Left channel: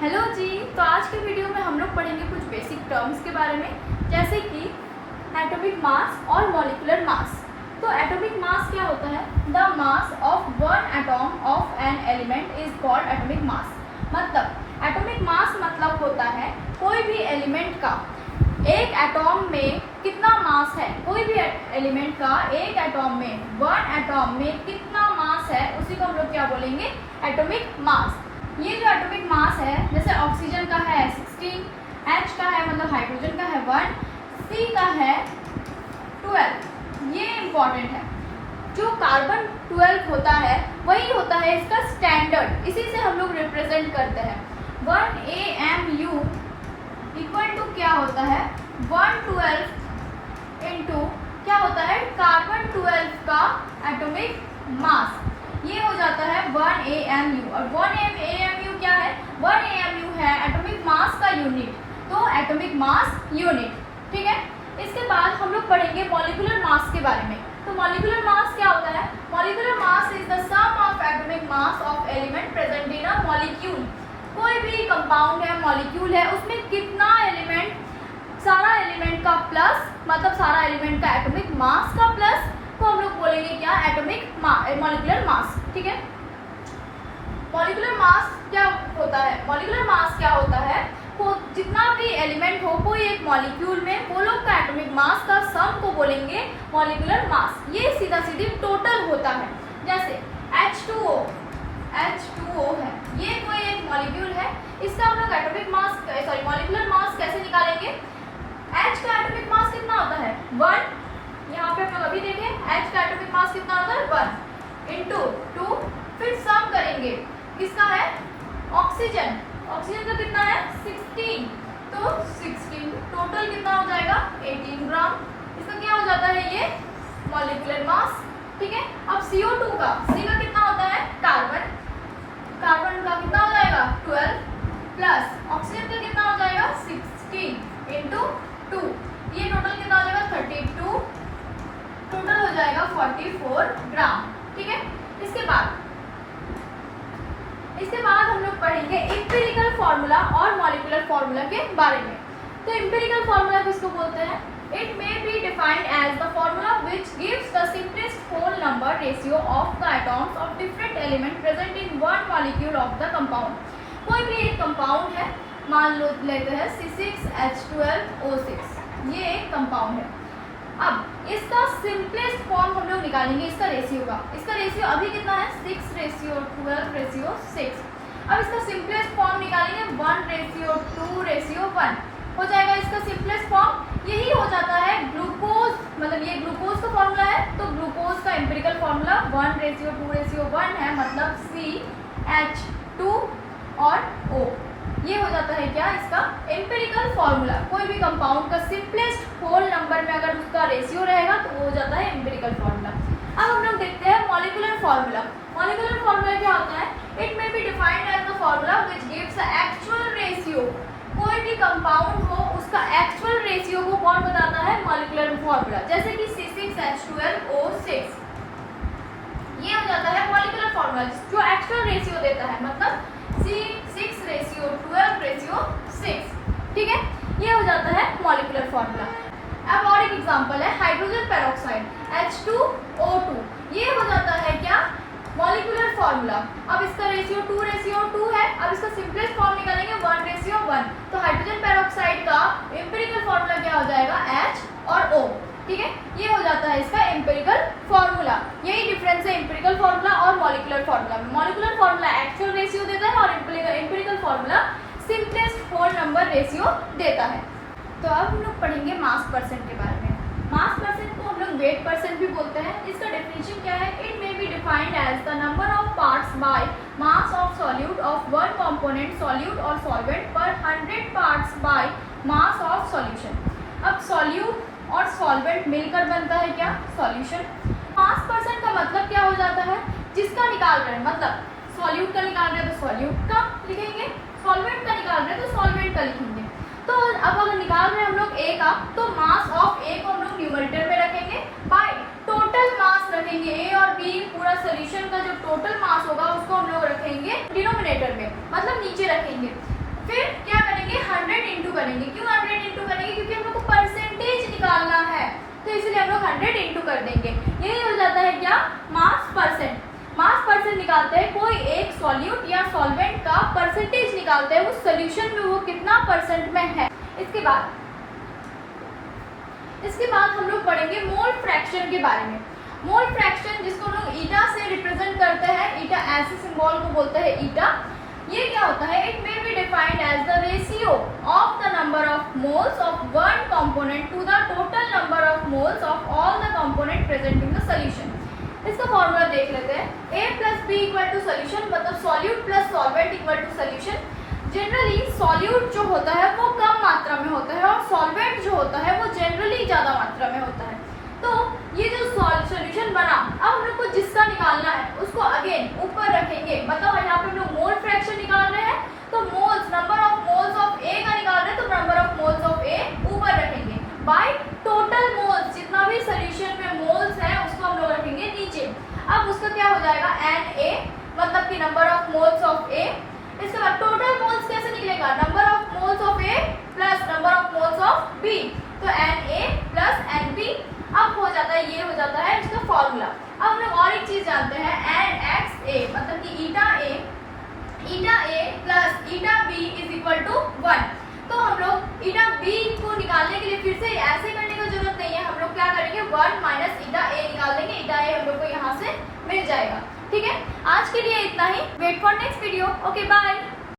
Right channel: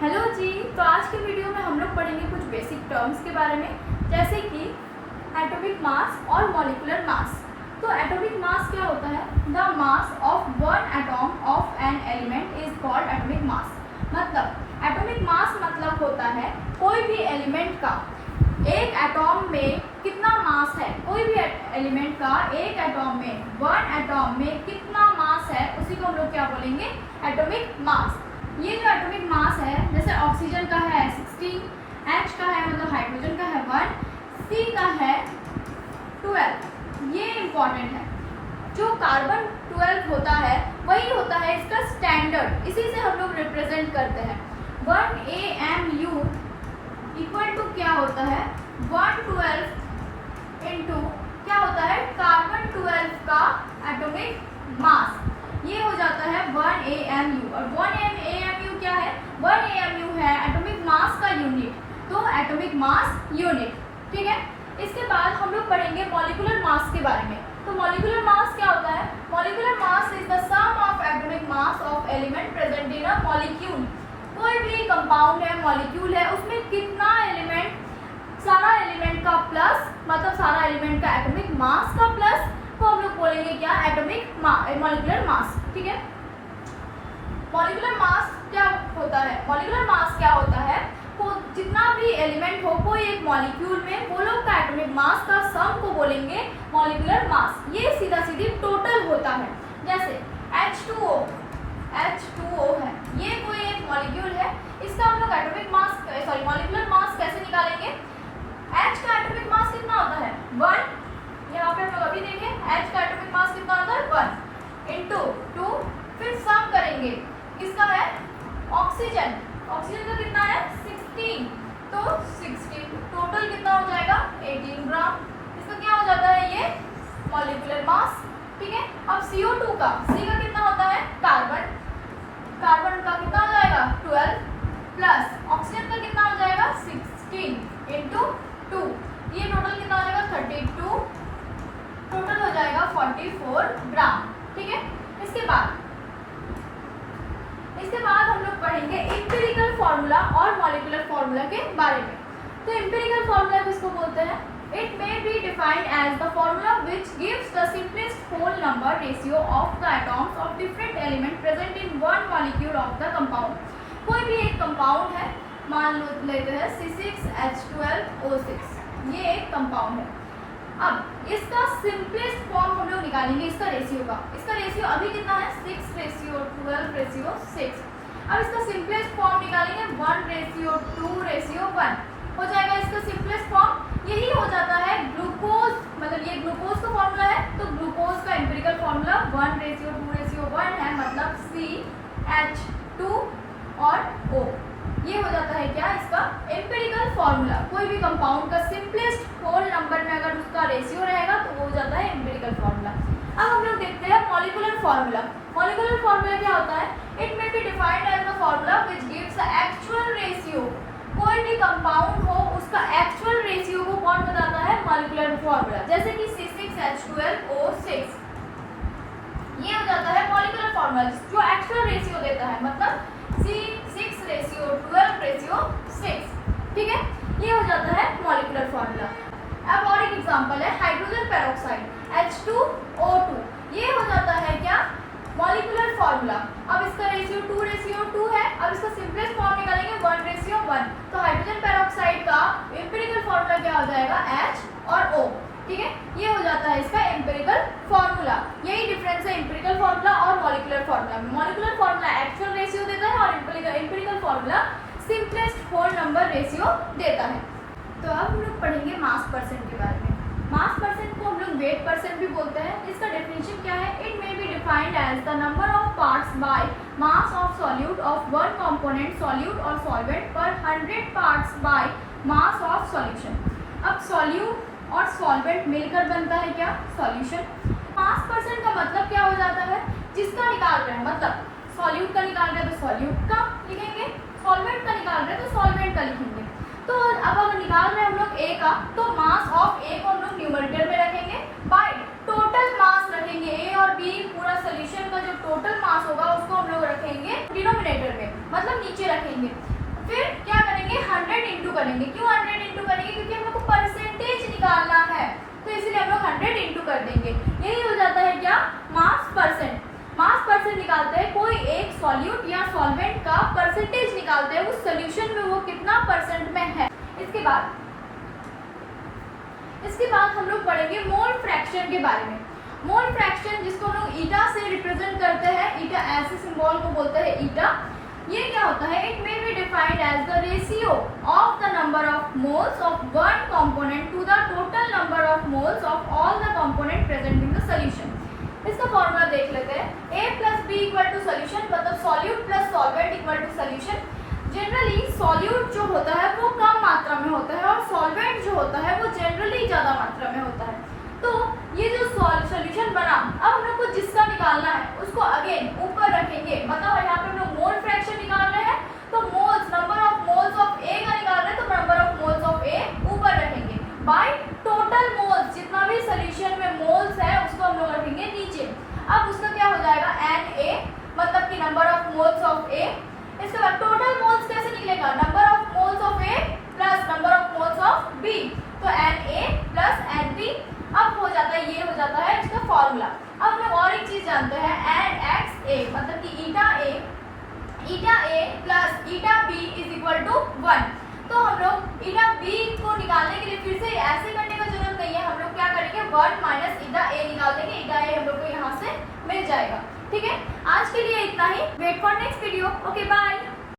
Hello जी। तो आज के वीडियो में हम लोग पढ़ेंगे कुछ बेसिक टर्म्स के बारे में, जैसे कि एटॉमिक मास और मॉलिक्यूलर मास। तो एटॉमिक मास क्या होता है? The mass of one atom of an element is called atomic mass. मतलब एटॉमिक मास मतलब होता है कोई भी एलिमेंट का एक एटॉम में कितना मास है, कोई भी एलिमेंट का एक एटॉम में, वन एटॉम में कितना मास है, उसी को हम लोग क्या बोलेंगे? Atomic mass. ये जो एटॉमिक मास है, जैसे ऑक्सीजन का है 16, H का है मतलब हाइड्रोजन का है 1, C का है 12। ये इम्पॉर्टेंट है। जो कार्बन 12 होता है वही होता है इसका स्टैंडर्ड, इसी से हम लोग रिप्रेजेंट करते हैं। 1 AMU इक्वल टू क्या होता है? 112 इंटू क्या होता है? कार्बन 12 का एटॉमिक मास। ये हो जाता है 1 AMU। और 1 AMU क्या है? 1 AMU है एटॉमिक मास का यूनिट, तो एटॉमिक मास यूनिट। ठीक है। इसके बाद हम लोग पढ़ेंगे मॉलिक्यूलर मास के बारे में। तो मॉलिक्यूलर मास क्या होता है? Molecular mass is the sum of atomic mass of element present in a molecule. कोई भी कंपाउंड है, मॉलिक्यूल है, उसमें कितना एलिमेंट, सारा एलिमेंट का प्लस, मतलब सारा एलिमेंट का एटॉमिक मास का प्लस को हम लोग बोलेंगे क्या? Atomic molecular mass. ठीक है। मॉलिक्यूलर मास क्या होता है? मॉलिक्यूलर मास क्या होता है? जितना भी एलिमेंट हो कोई एक मॉलिक्यूल में, वो लोग का एटॉमिक मास का सम को बोलेंगे मॉलिक्यूलर मास। ये सीधा सीधी टोटल होता है। जैसे H2O है, ये कोई एक मॉलिक्यूल है, इसका हम लोग एटॉमिक मास मॉलिक्यूलर मास कैसे निकालेंगे? H का एटॉमिक मास कितना होता है? 1। यहाँ पे हम लोग अभी देखें H का एटॉमिक मास कितना होता है? 1 इंटू 2, फिर सम करेंगे किसका है? ऑक्सीजन का कितना है? 16। तो 16 टोटल कितना हो जाएगा? 18 ग्राम। इसका क्या हो जाता है? ये मॉलिक्यूलर मास। ठीक है। अब CO2 का, C का कितना होता है? कार्बन का कितना हो जाएगा? 12 प्लस ऑक्सीजन का कितना हो जाएगा? 16 इंटू 2, ये टोटल कितना हो जाएगा? 32, टोटल हो जाएगा 44 ग्राम। ठीक है। इसके बाद हम लोग पढ़ेंगे एम्पिरिकल फार्मूला और मॉलिक्यूलर फार्मूला के बारे में। तो एम्पिरिकल फार्मूला किसको बोलते हैं? It may be defined as the formula which gives the simplest whole number ratio of the atoms of different element present in one molecule of the compound. कोई भी एक कंपाउंड है, मान लो लेते हैं C6H12O6, ये एक कंपाउंड है। अब इसका सिंपलेस्ट फॉर्म हम लोग निकालेंगे इसका रेशियो का। इसका रेशियो अभी कितना है? 6:12:6। अब इसका सिंपलेस्ट फॉर्म निकालेंगे 1:2:1 हो जाएगा इसका सिंपलेस्ट फॉर्म। यही हो जाता है ग्लूकोज, मतलब ये ग्लूकोज का फॉर्मूला है, तो ग्लूकोज का एम्पिरिकल फॉर्मूला 1:2:1 है, मतलब CH2 और O। ये हो जाता है क्या? इसका एम्पिरिकल फॉर्मूला। कोई भी कंपाउंड का सिंपलेस्ट होल नंबर में अगर उसका रेशियो रहेगा तो वो हो जाता है एम्पिरिकल फॉर्मूला। अब हम लोग देखते हैं मॉलिक्यूलर फॉर्मूला। मॉलिक्यूलर फॉर्मूला क्या होता है? It may be defined as the formula which gives the actual ratio. कोई भी कंपाउंड हो उसका एक्चुअल रेशियो को कौन बताता है? Molecular formula. जैसे कि C6H12O6, ये हो जाता है मॉलिक्यूलर फॉर्मूला जो एक्चुअल रेशियो देता है, मतलब C6:12:6। ठीक है। ये हो जाता है मॉलिक्यूलर फॉर्मूला। अब और एक एग्जांपल है हाइड्रोजन पेरोक्साइड H2O2, ये हो जाता है क्या? Molecular formula. अब इसका रेशियो 2:2 है। अब इसका सिंपलेस्ट फॉर्म निकालेंगे 1:1, तो हाइड्रोजन पेरोक्साइड का एम्पिरिकल फॉर्मूला क्या हो जाएगा? H और O। ठीक है। ये हो जाता है इसका एम्पिरिकल फॉर्मूला। यही डिफरेंस है एम्पिरिकल फॉर्मूला और मॉलिक्यूलर फॉर्मूला में। मॉलिक्यूलर फॉर्मूला एक्चुअल रेशियो देता है और empirical formula simplest whole number ratio देता है। तो अब हम लोग पढ़ेंगे मास परसेंट के बारे में। मास परसेंट को हम लोग वेट परसेंट भी बोलते हैं। इसका डेफिनेशन क्या है? It may be defined as the number of parts by mass of solute of one component solute और सॉल्वेंट पर 100 parts by mass of solution. अब सॉल्यूट और सॉल्वेंट मिलकर बनता है क्या? सॉल्यूशन। मास परसेंट का मतलब क्या हो जाता है? जिसका निकाल रहे हैं, मतलब सॉल्यूट का निकाल रहे हैं तो सॉल्यूट का लिखेंगे, सॉल्वेंट का निकाल रहे हैं तो सॉल्वेंट का लिखेंगे। तो अब अगर निकाल रहे हैं हम लोग A का, तो मास ऑफ A को हम लोग न्यूमरेटर में रखेंगे, बाय टोटल मास रखेंगे। A और B पूरा सोल्यूशन का जो टोटल मास होगा उसको हम लोग रखेंगे डिनोमिनेटर में, मतलब नीचे रखेंगे। करेंगे। क्यों 100 इंटू करेंगे? क्योंकि हम लोग को परसेंटेज निकालना है, तो इसलिए हम लोग 100 इंटू कर देंगे। यही हो जाता है क्या? मास परसेंट। मास परसेंट निकालते हैं, कोई एक सॉल्यूट या सॉल्वेंट का परसेंटेज निकालते हैं, उस सॉल्यूशन में वो कितना परसेंट में है। इसके बाद हम लोग पढ़ेंगे मोल फ्रैक्शन के बारे में। मोल फ्रैक्शन जिसको हम लोग ईटा से रिप्रेजेंट करते हैं, ईटा ऐसे सिंबल को बोलते हैं ईटा। ये क्या होता है? It may be defined as the ratio of the number of moles of one component to the total number of moles of all the component present in the solution. इसका फॉर्मूला देख लेते हैं। A plus B equal to solution, मतलब solute plus solvent equal to solution. Generally solute जो होता है वो कम मात्रा में होता है और सॉल्वेंट जो होता है वो जनरली ज़्यादा मात्रा में होता है। तो ये जो सॉल्यूशन बना, अब हम लोग को जिसका निकालना है उसको अगेन ऊपर रखेंगे। बताओ यहाँ पे हम लोग मोल फ्रैक्शन निकाल रहे हैं, तो moles, number of moles of A का निकाल रहे हैं, तो number of moles of A ऊपर रखेंगे बाय टोटल मोल्स। जितना भी सोल्यूशन में मोल्स है उसको हम लोग रखेंगे नीचे। अब उसका क्या हो जाएगा? Na, मतलब कि number of moles of A. इसके बाद टोटल मोल्स कैसे निकलेगा? Number of moles of A plus number of moles of B, तो Na प्लस Nb। अब हो जाता है, ये हो जाता है इसका फॉर्मूला। अब हम लोग और एक चीज जानते हैं, NXA, मतलब कि eta A plus eta B is equal to 1। तो हम लोग ईटा बी को निकालने के लिए फिर से ऐसे करने की जरूरत नहीं है, हम लोग क्या करेंगे? 1 माइनस ईटा ए निकाल देंगे। ईटा ए हम लोग को यहाँ से मिल जाएगा। ठीक है, आज के लिए इतना ही। Wait for next video. Okay, bye.